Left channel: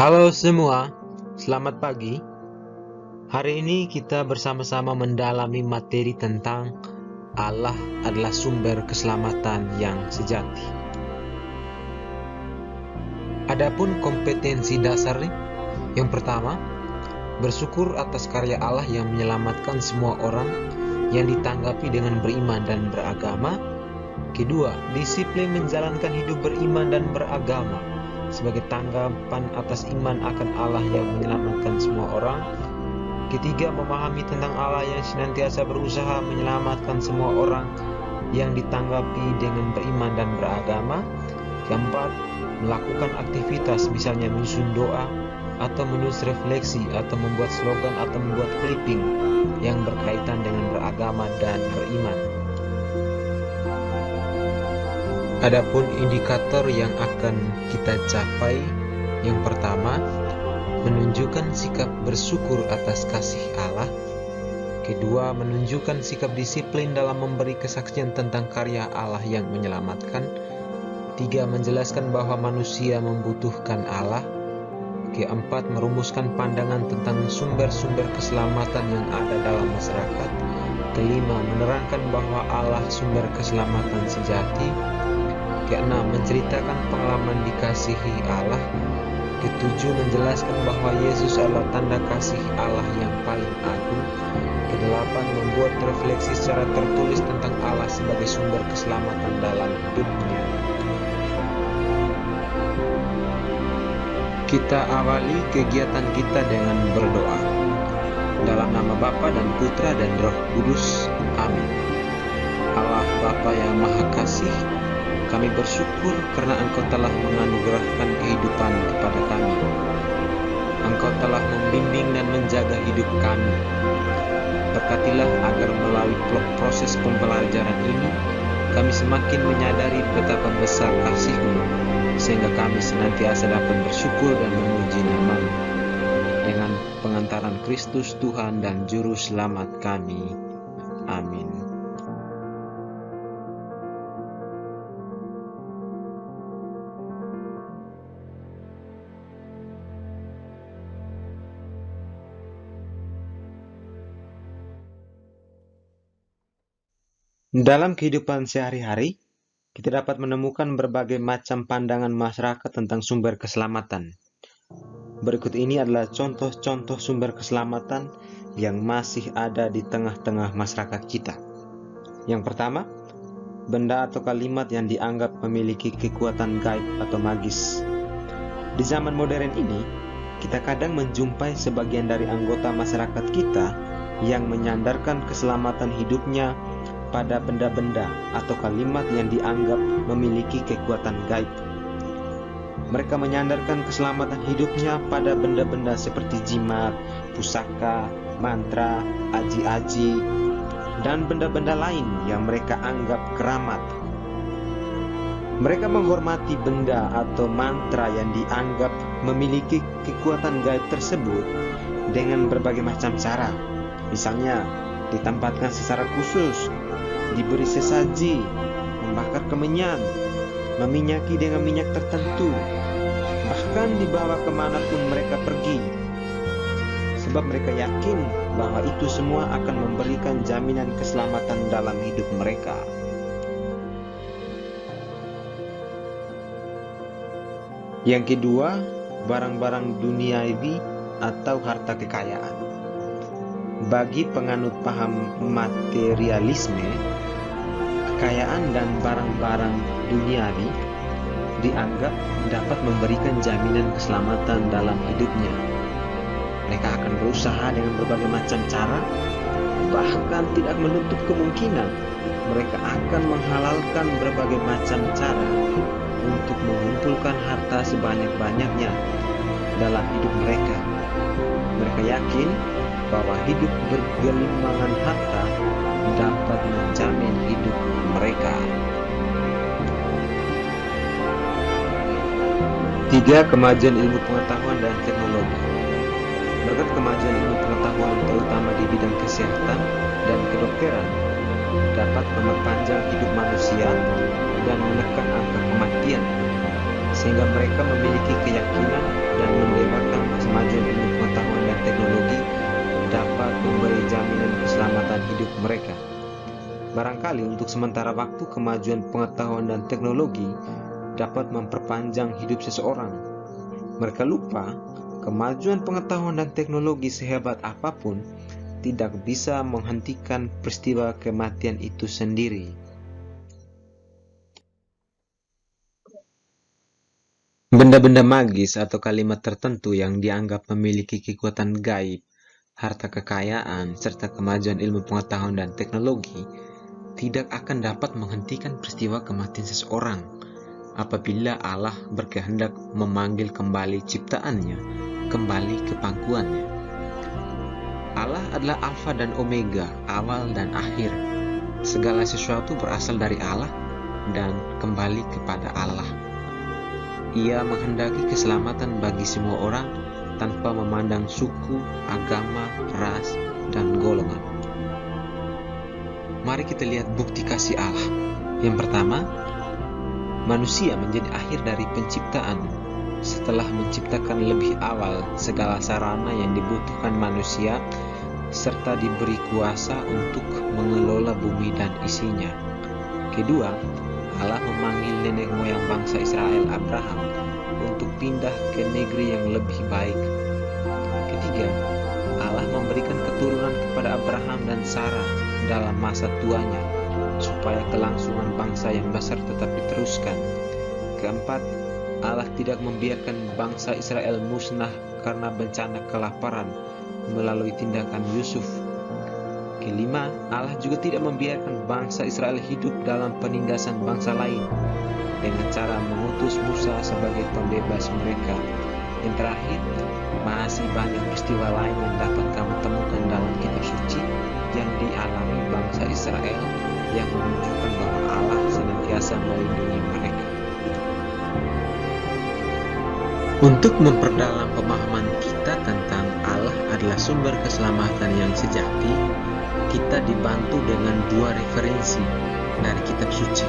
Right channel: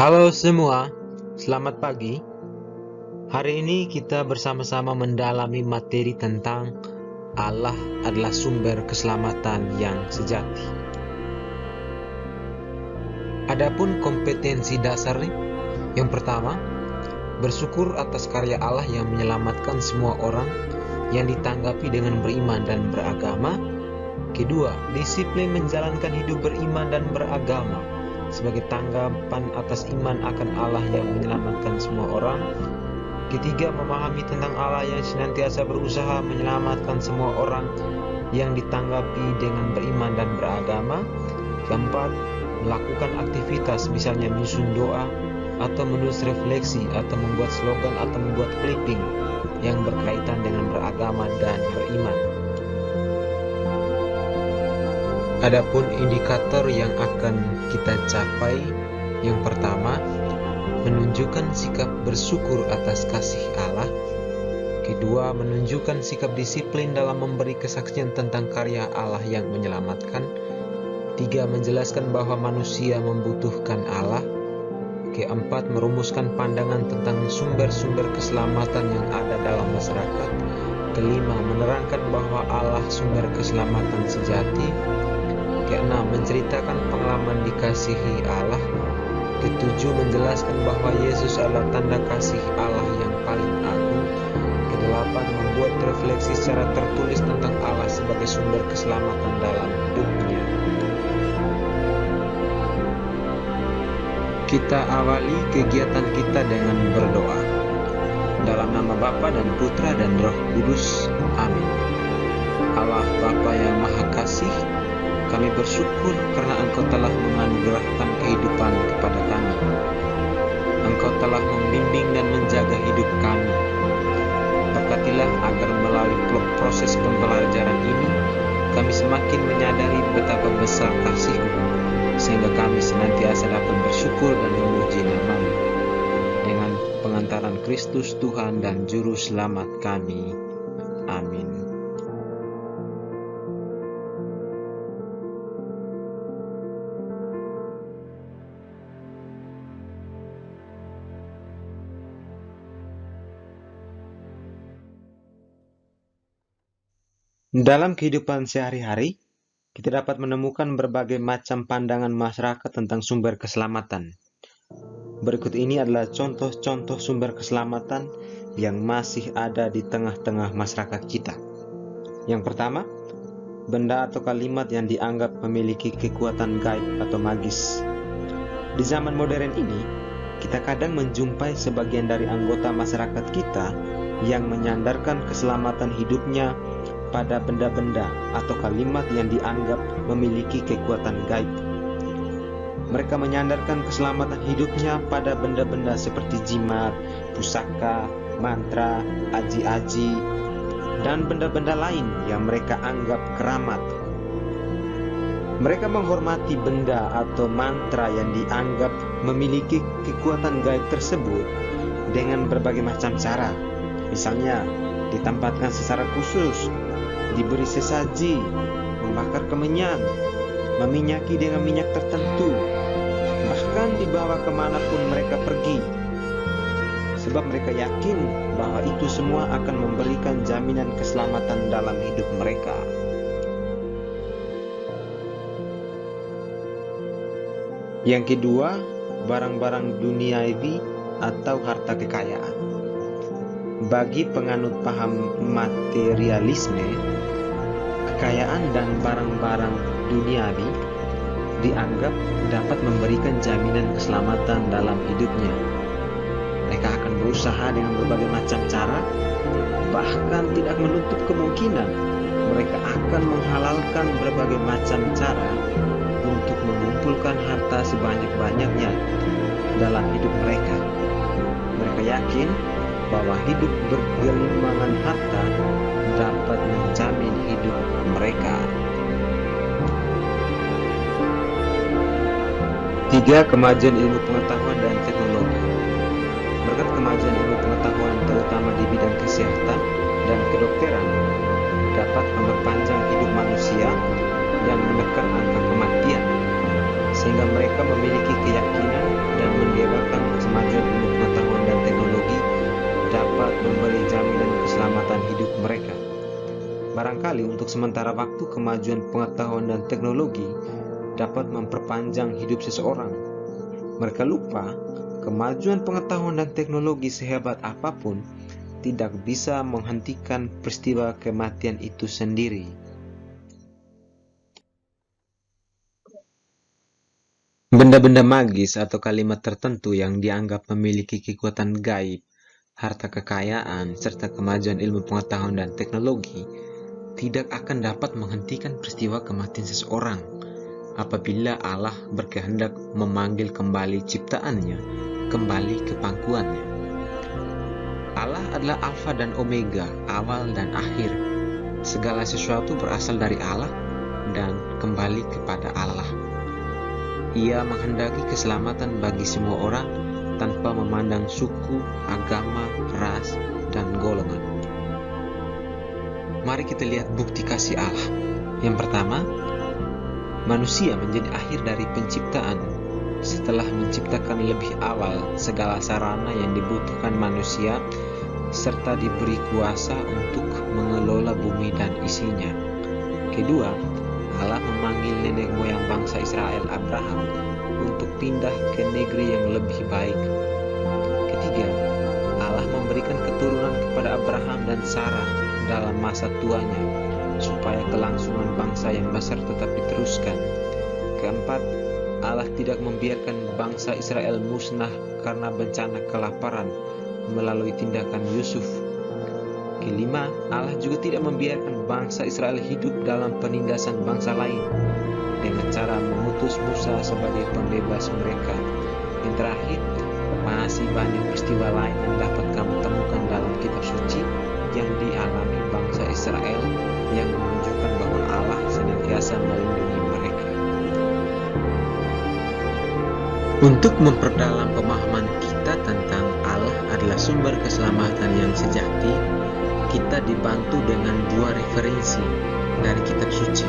Halo semua, selamat pagi. Hari ini kita bersama-sama mendalami materi tentang Allah adalah sumber keselamatan yang sejati. Adapun kompetensi dasarnya, yang pertama, bersyukur atas karya Allah yang menyelamatkan semua orang yang ditanggapi dengan beriman dan beragama. Kedua, disiplin menjalankan hidup beriman dan beragama sebagai tanggapan atas iman akan Allah yang menyelamatkan semua orang. Ketiga, memahami tentang Allah yang senantiasa berusaha menyelamatkan semua orang yang ditanggapi dengan beriman dan beragama. Keempat, melakukan aktivitas misalnya menyusun doa atau menulis refleksi atau membuat slogan atau membuat clipping yang berkaitan dengan beragama dan beriman. Adapun indikator yang akan kita capai, yang pertama, menunjukkan sikap bersyukur atas kasih Allah. Kedua, menunjukkan sikap disiplin dalam memberi kesaksian tentang karya Allah yang menyelamatkan. Tiga, menjelaskan bahwa manusia membutuhkan Allah. Keempat, merumuskan pandangan tentang sumber-sumber keselamatan yang ada dalam masyarakat. Kelima, menerangkan bahwa Allah sumber keselamatan sejati. Keenam, menceritakan pengalaman dikasihi Allah. Ketujuh, menjelaskan bahwa Yesus adalah tanda kasih Allah yang paling agung. Kedelapan, membuat refleksi secara tertulis tentang Allah sebagai sumber keselamatan dalam hidupnya. Kita awali kegiatan kita dengan berdoa. Dalam nama Bapa dan Putra dan Roh Kudus. Amin. Allah Bapa yang Maha Kasih, kami bersyukur karena Engkau telah menganugerahkan kehidupan kepada kami. Engkau telah membimbing dan menjaga hidup kami. Berkatilah agar melalui proses pembelajaran ini, kami semakin menyadari betapa besar kasih-Mu, sehingga kami senantiasa dapat bersyukur dan memuji nama-Mu. Dengan pengantaran Kristus Tuhan dan Juru Selamat kami. Amin. Dalam kehidupan sehari-hari, kita dapat menemukan berbagai macam pandangan masyarakat tentang sumber keselamatan. Berikut ini adalah contoh-contoh sumber keselamatan yang masih ada di tengah-tengah masyarakat kita. Yang pertama, benda atau kalimat yang dianggap memiliki kekuatan gaib atau magis. Di zaman modern ini, kita kadang menjumpai sebagian dari anggota masyarakat kita yang menyandarkan keselamatan hidupnya pada benda-benda atau kalimat yang dianggap memiliki kekuatan gaib. Mereka menyandarkan keselamatan hidupnya pada benda-benda seperti jimat, pusaka, mantra, aji-aji, dan benda-benda lain yang mereka anggap keramat. Mereka menghormati benda atau mantra yang dianggap memiliki kekuatan gaib tersebut dengan berbagai macam cara. Misalnya, ditempatkan secara khusus, diberi sesaji, membakar kemenyan, meminyaki dengan minyak tertentu, bahkan dibawa kemanapun mereka pergi. Sebab mereka yakin bahwa itu semua akan memberikan jaminan keselamatan dalam hidup mereka. Yang kedua, barang-barang duniawi atau harta kekayaan. Bagi penganut paham materialisme, kekayaan dan barang-barang duniawi dianggap dapat memberikan jaminan keselamatan dalam hidupnya. Mereka akan berusaha dengan berbagai macam cara, bahkan tidak menutup kemungkinan mereka akan menghalalkan berbagai macam cara untuk mengumpulkan harta sebanyak-banyaknya dalam hidup mereka. Mereka yakin bahwa hidup bergelimangan harta dapat menjamin hidup mereka. 3. Kemajuan ilmu pengetahuan dan teknologi. Berkat kemajuan ilmu pengetahuan terutama di bidang kesehatan dan kedokteran dapat memperpanjang hidup manusia dan menekan angka kematian. sehingga mereka memiliki keyakinan dan mendewakan kemajuan ilmu pengetahuan dan teknologi dapat memberi jaminan keselamatan hidup mereka. Barangkali untuk sementara waktu kemajuan pengetahuan dan teknologi dapat memperpanjang hidup seseorang. Mereka lupa kemajuan pengetahuan dan teknologi sehebat apapun tidak bisa menghentikan peristiwa kematian itu sendiri. Benda-benda magis atau kalimat tertentu yang dianggap memiliki kekuatan gaib, harta kekayaan, serta kemajuan ilmu pengetahuan dan teknologi tidak akan dapat menghentikan peristiwa kematian seseorang apabila Allah berkehendak memanggil kembali ciptaannya kembali ke pangkuannya. Allah adalah Alfa dan Omega, awal dan akhir. Segala sesuatu berasal dari Allah dan kembali kepada Allah. Ia menghendaki keselamatan bagi semua orang tanpa memandang suku, agama, ras, dan golongan. Mari kita lihat bukti kasih Allah. Yang pertama, manusia menjadi akhir dari penciptaan setelah menciptakan lebih awal segala sarana yang dibutuhkan manusia serta diberi kuasa untuk mengelola bumi dan isinya. Kedua, Allah memanggil nenek moyang bangsa Israel Abraham untuk pindah ke negeri yang lebih baik. Ketiga, Allah memberikan keturunan kepada Abraham dan Sarah dalam masa tuanya supaya kelangsungan bangsa yang besar tetap diteruskan. Keempat, Allah tidak membiarkan bangsa Israel musnah karena bencana kelaparan melalui tindakan Yusuf. Kelima, Allah juga tidak membiarkan bangsa Israel hidup dalam penindasan bangsa lain dengan cara mengutus Musa sebagai pembebas mereka. Yang terakhir, masih banyak peristiwa lain yang dapat kamu temukan dalam kitab suci yang dialami bangsa Israel yang menunjukkan bahwa Allah senantiasa melindungi mereka. Untuk memperdalam pemahaman kita tentang Allah adalah sumber keselamatan yang sejati, kita dibantu dengan dua referensi dari kitab suci.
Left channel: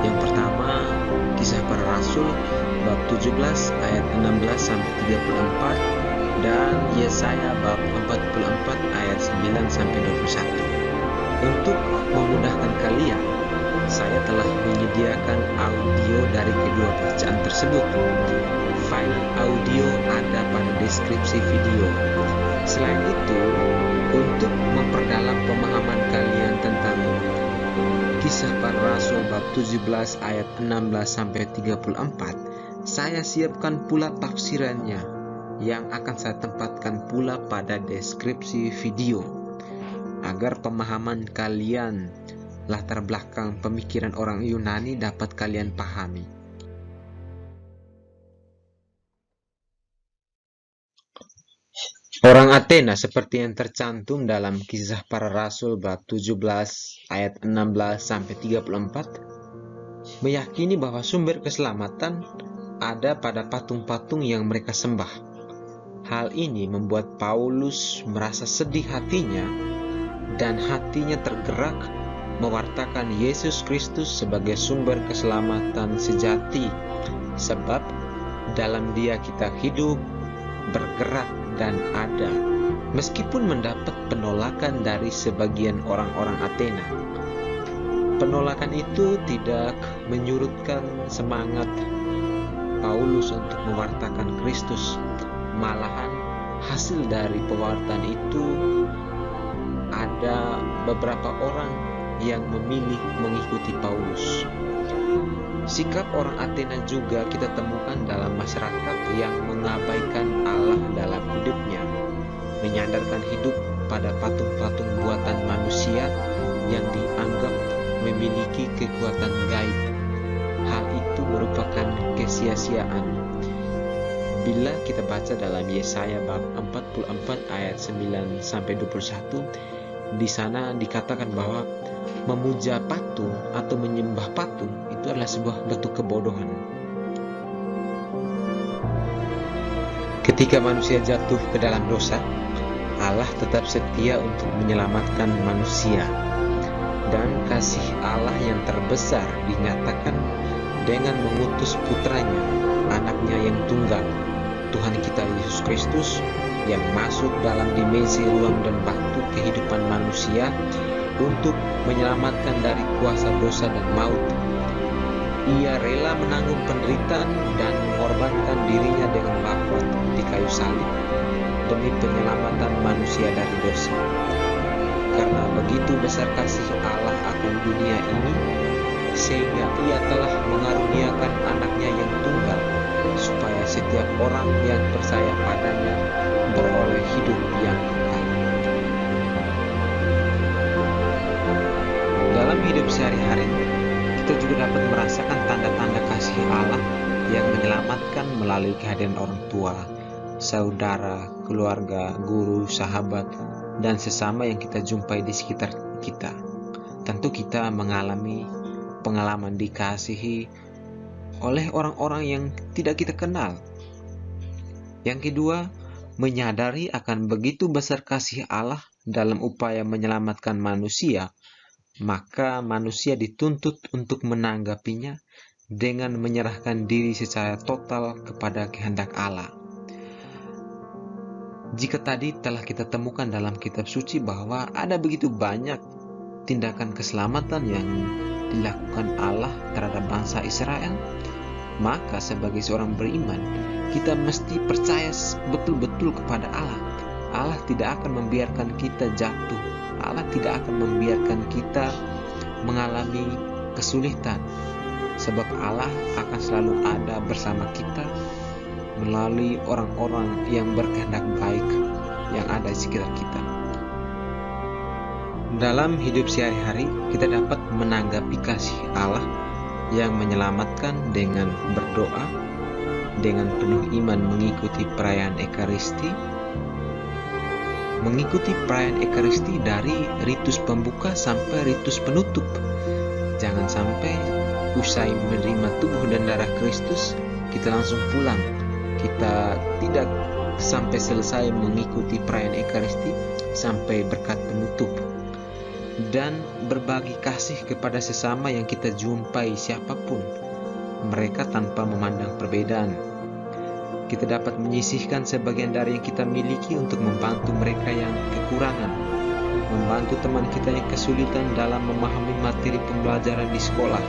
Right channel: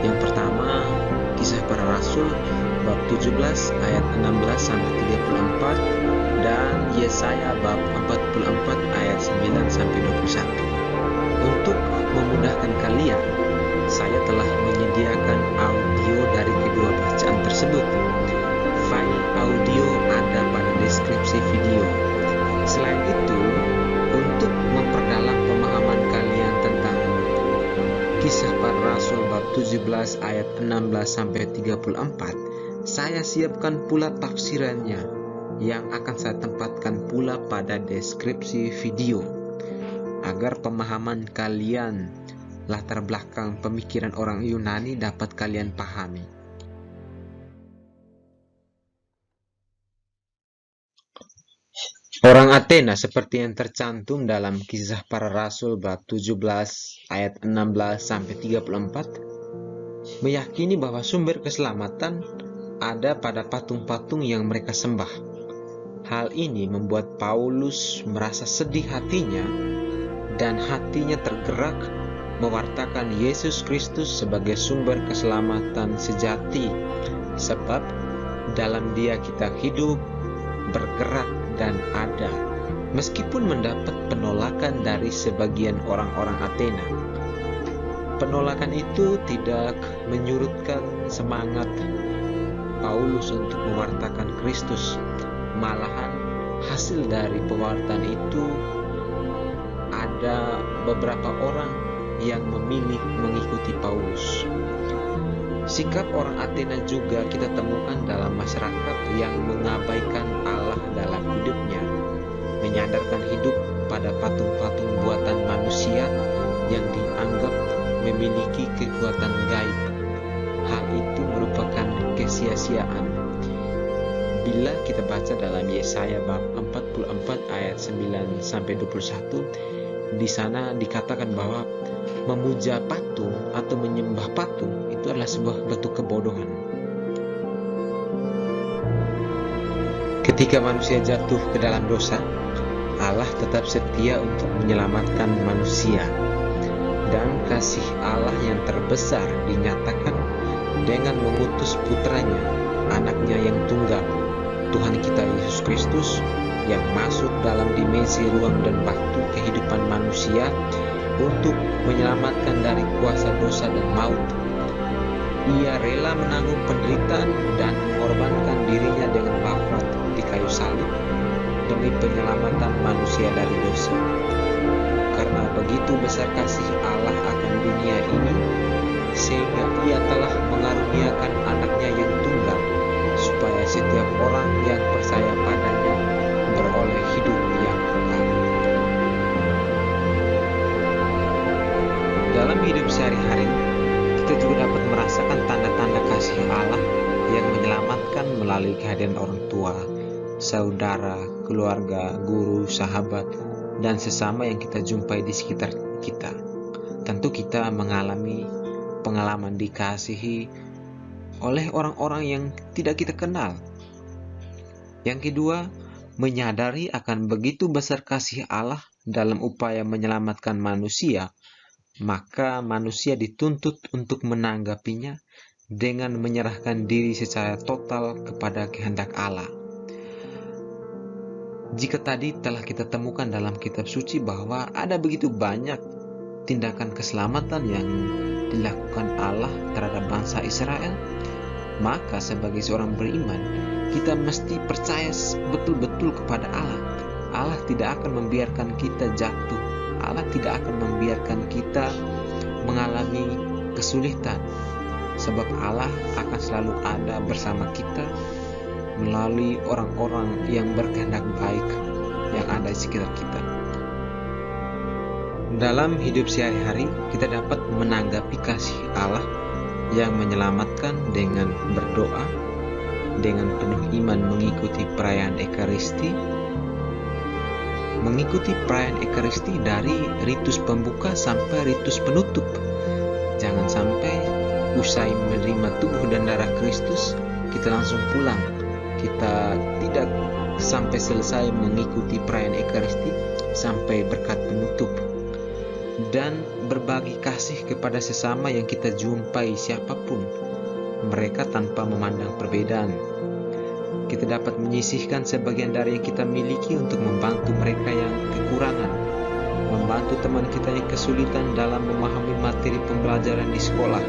Yang pertama, Kisah Para Rasul bab 17 ayat 16-34 dan Yesaya bab 44 ayat 9-21. Untuk memudahkan kalian, saya telah menyediakan audio dari kedua bacaan tersebut. File audio ada pada deskripsi video. Selain itu, untuk memperdalam pemahaman kalian tentang Kisah Para Rasul bab 17 ayat 16-34, saya siapkan pula tafsirannya yang akan saya tempatkan pula pada deskripsi video agar pemahaman kalian latar belakang pemikiran orang Yunani dapat kalian pahami. Orang Athena seperti yang tercantum dalam Kisah Para Rasul bab 17 ayat 16-34 meyakini bahwa sumber keselamatan ada pada patung-patung yang mereka sembah. Hal ini membuat Paulus merasa sedih hatinya dan hatinya tergerak mewartakan Yesus Kristus sebagai sumber keselamatan sejati, sebab dalam Dia kita hidup, bergerak, dan ada, meskipun mendapat penolakan dari sebagian orang-orang Athena. Penolakan itu tidak menyurutkan semangat Paulus untuk mewartakan Kristus. Malahan hasil dari pewartaan itu ada beberapa orang yang memilih mengikuti Paulus. Sikap orang Athena juga kita temukan dalam masyarakat yang mengabaikan Allah dalam hidupnya, menyandarkan hidup pada patung-patung buatan manusia yang dianggap memiliki kekuatan gaib. Hal itu merupakan kesia-siaan. Bila kita baca dalam Yesaya bab 44 ayat 9-21, di sana dikatakan bahwa memuja patung atau menyembah patung itu adalah sebuah bentuk kebodohan. Ketika manusia jatuh ke dalam dosa, Allah tetap setia untuk menyelamatkan manusia, dan kasih Allah yang terbesar dinyatakan dengan mengutus putranya, anaknya yang tunggal, Tuhan kita Yesus Kristus, yang masuk dalam dimensi ruang dan waktu kehidupan manusia untuk menyelamatkan dari kuasa dosa dan maut. Ia rela menanggung penderitaan dan mengorbankan dirinya dengan wafat di kayu salib demi penyelamatan manusia dari dosa. Karena begitu besar kasih Allah akan dunia ini, sehingga ia telah mengaruniakan anaknya yang tunggal, supaya setiap orang yang percaya padanya beroleh hidup yang kekal. Dalam hidup sehari-hari, kita juga dapat merasakan tanda-tanda kasih Allah yang menyelamatkan melalui kehadiran orang tua, saudara, keluarga, guru, sahabat, dan sesama yang kita jumpai di sekitar kita. Tentu kita mengalami pengalaman dikasihi oleh orang-orang yang tidak kita kenal. Yang kedua, menyadari akan begitu besar kasih Allah dalam upaya menyelamatkan manusia, maka manusia dituntut untuk menanggapinya dengan menyerahkan diri secara total kepada kehendak Allah. Jika tadi telah kita temukan dalam kitab suci bahwa ada begitu banyak tindakan keselamatan yang dilakukan Allah terhadap bangsa Israel, maka sebagai seorang beriman, kita mesti percaya betul-betul kepada Allah. Allah tidak akan membiarkan kita jatuh. Allah tidak akan membiarkan kita mengalami kesulitan, sebab Allah akan selalu ada bersama kita melalui orang-orang yang berkehendak baik yang ada di sekitar kita. Dalam hidup sehari-hari, kita dapat menanggapi kasih Allah yang menyelamatkan dengan berdoa, dengan penuh iman mengikuti perayaan Ekaristi, mengikuti perayaan Ekaristi dari ritus pembuka sampai ritus penutup. Jangan sampai usai menerima tubuh dan darah Kristus, kita langsung pulang. Kita tidak sampai selesai mengikuti perayaan Ekaristi sampai berkat penutup. Dan berbagi kasih kepada sesama yang kita jumpai siapapun, mereka tanpa memandang perbedaan. Kita dapat menyisihkan sebagian dari yang kita miliki untuk membantu mereka yang kekurangan, membantu teman kita yang kesulitan dalam memahami materi pembelajaran di sekolah,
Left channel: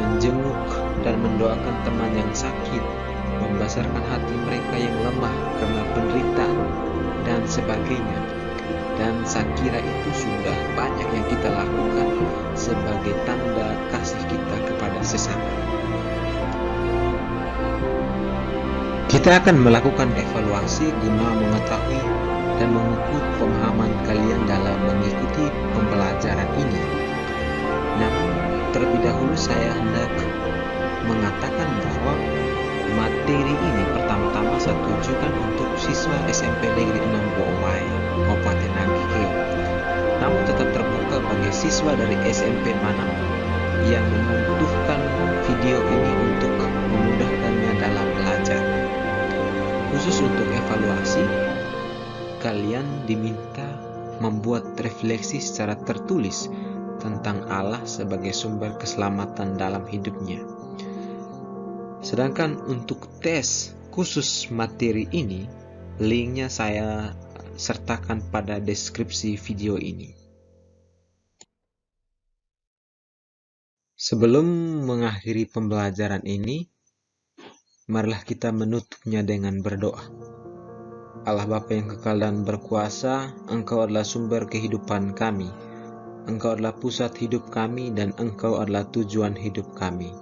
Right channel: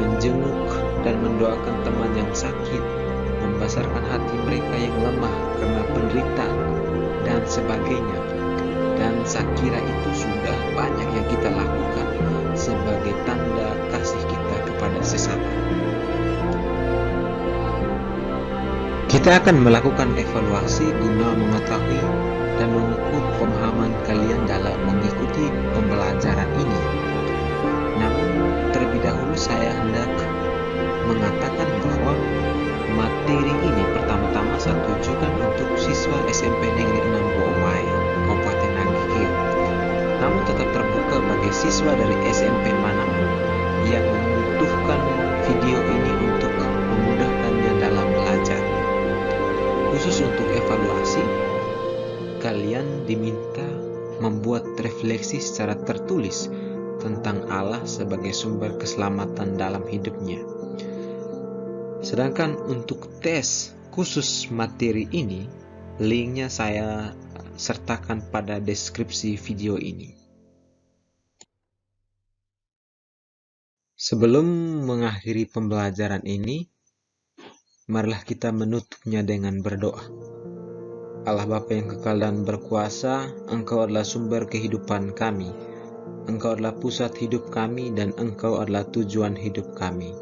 menjenguk dan mendoakan teman yang sakit, membesarkan hati mereka yang lemah karena penderitaan, dan sebagainya. Dan saya kira itu sudah banyak yang kita lakukan sebagai tanda kasih kita kepada sesama. Kita akan melakukan evaluasi guna mengetahui dan mengukur pemahaman kalian dalam mengikuti pembelajaran ini. Namun, terlebih dahulu saya hendak mengatakan bahwa materi ini pertama-tama saya tujukan untuk siswa SMP Negeri 6 Boowai, Kabupaten Nangkikeo. Namun tetap terbuka bagi siswa dari SMP manapun yang membutuhkan video ini untuk memudahkannya dalam belajar. Khusus untuk evaluasi, kalian diminta membuat refleksi secara tertulis tentang Allah sebagai sumber keselamatan dalam hidupnya. Sedangkan untuk tes khusus materi ini, linknya saya sertakan pada deskripsi video ini. Sebelum mengakhiri pembelajaran ini, marilah kita menutupnya dengan berdoa. Allah Bapa yang kekal dan berkuasa, Engkau adalah sumber kehidupan kami. Engkau adalah pusat hidup kami dan Engkau adalah tujuan hidup kami.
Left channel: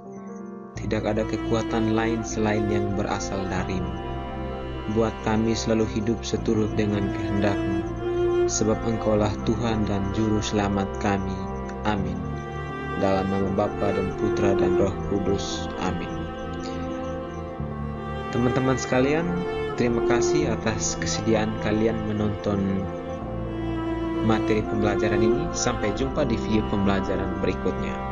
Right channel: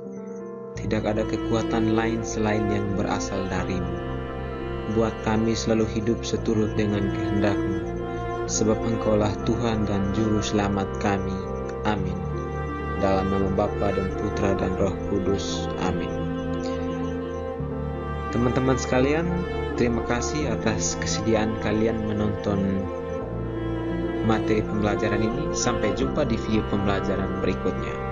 Tidak ada kekuatan lain selain yang berasal dari-Mu. Buat kami selalu hidup seturut dengan kehendak-Mu, sebab Engkaulah Tuhan dan Juru Selamat kami. Amin. Dalam nama Bapa dan Putra dan Roh Kudus. Amin. Teman-teman sekalian, terima kasih atas kesediaan kalian menonton materi pembelajaran ini. Sampai jumpa di video pembelajaran berikutnya.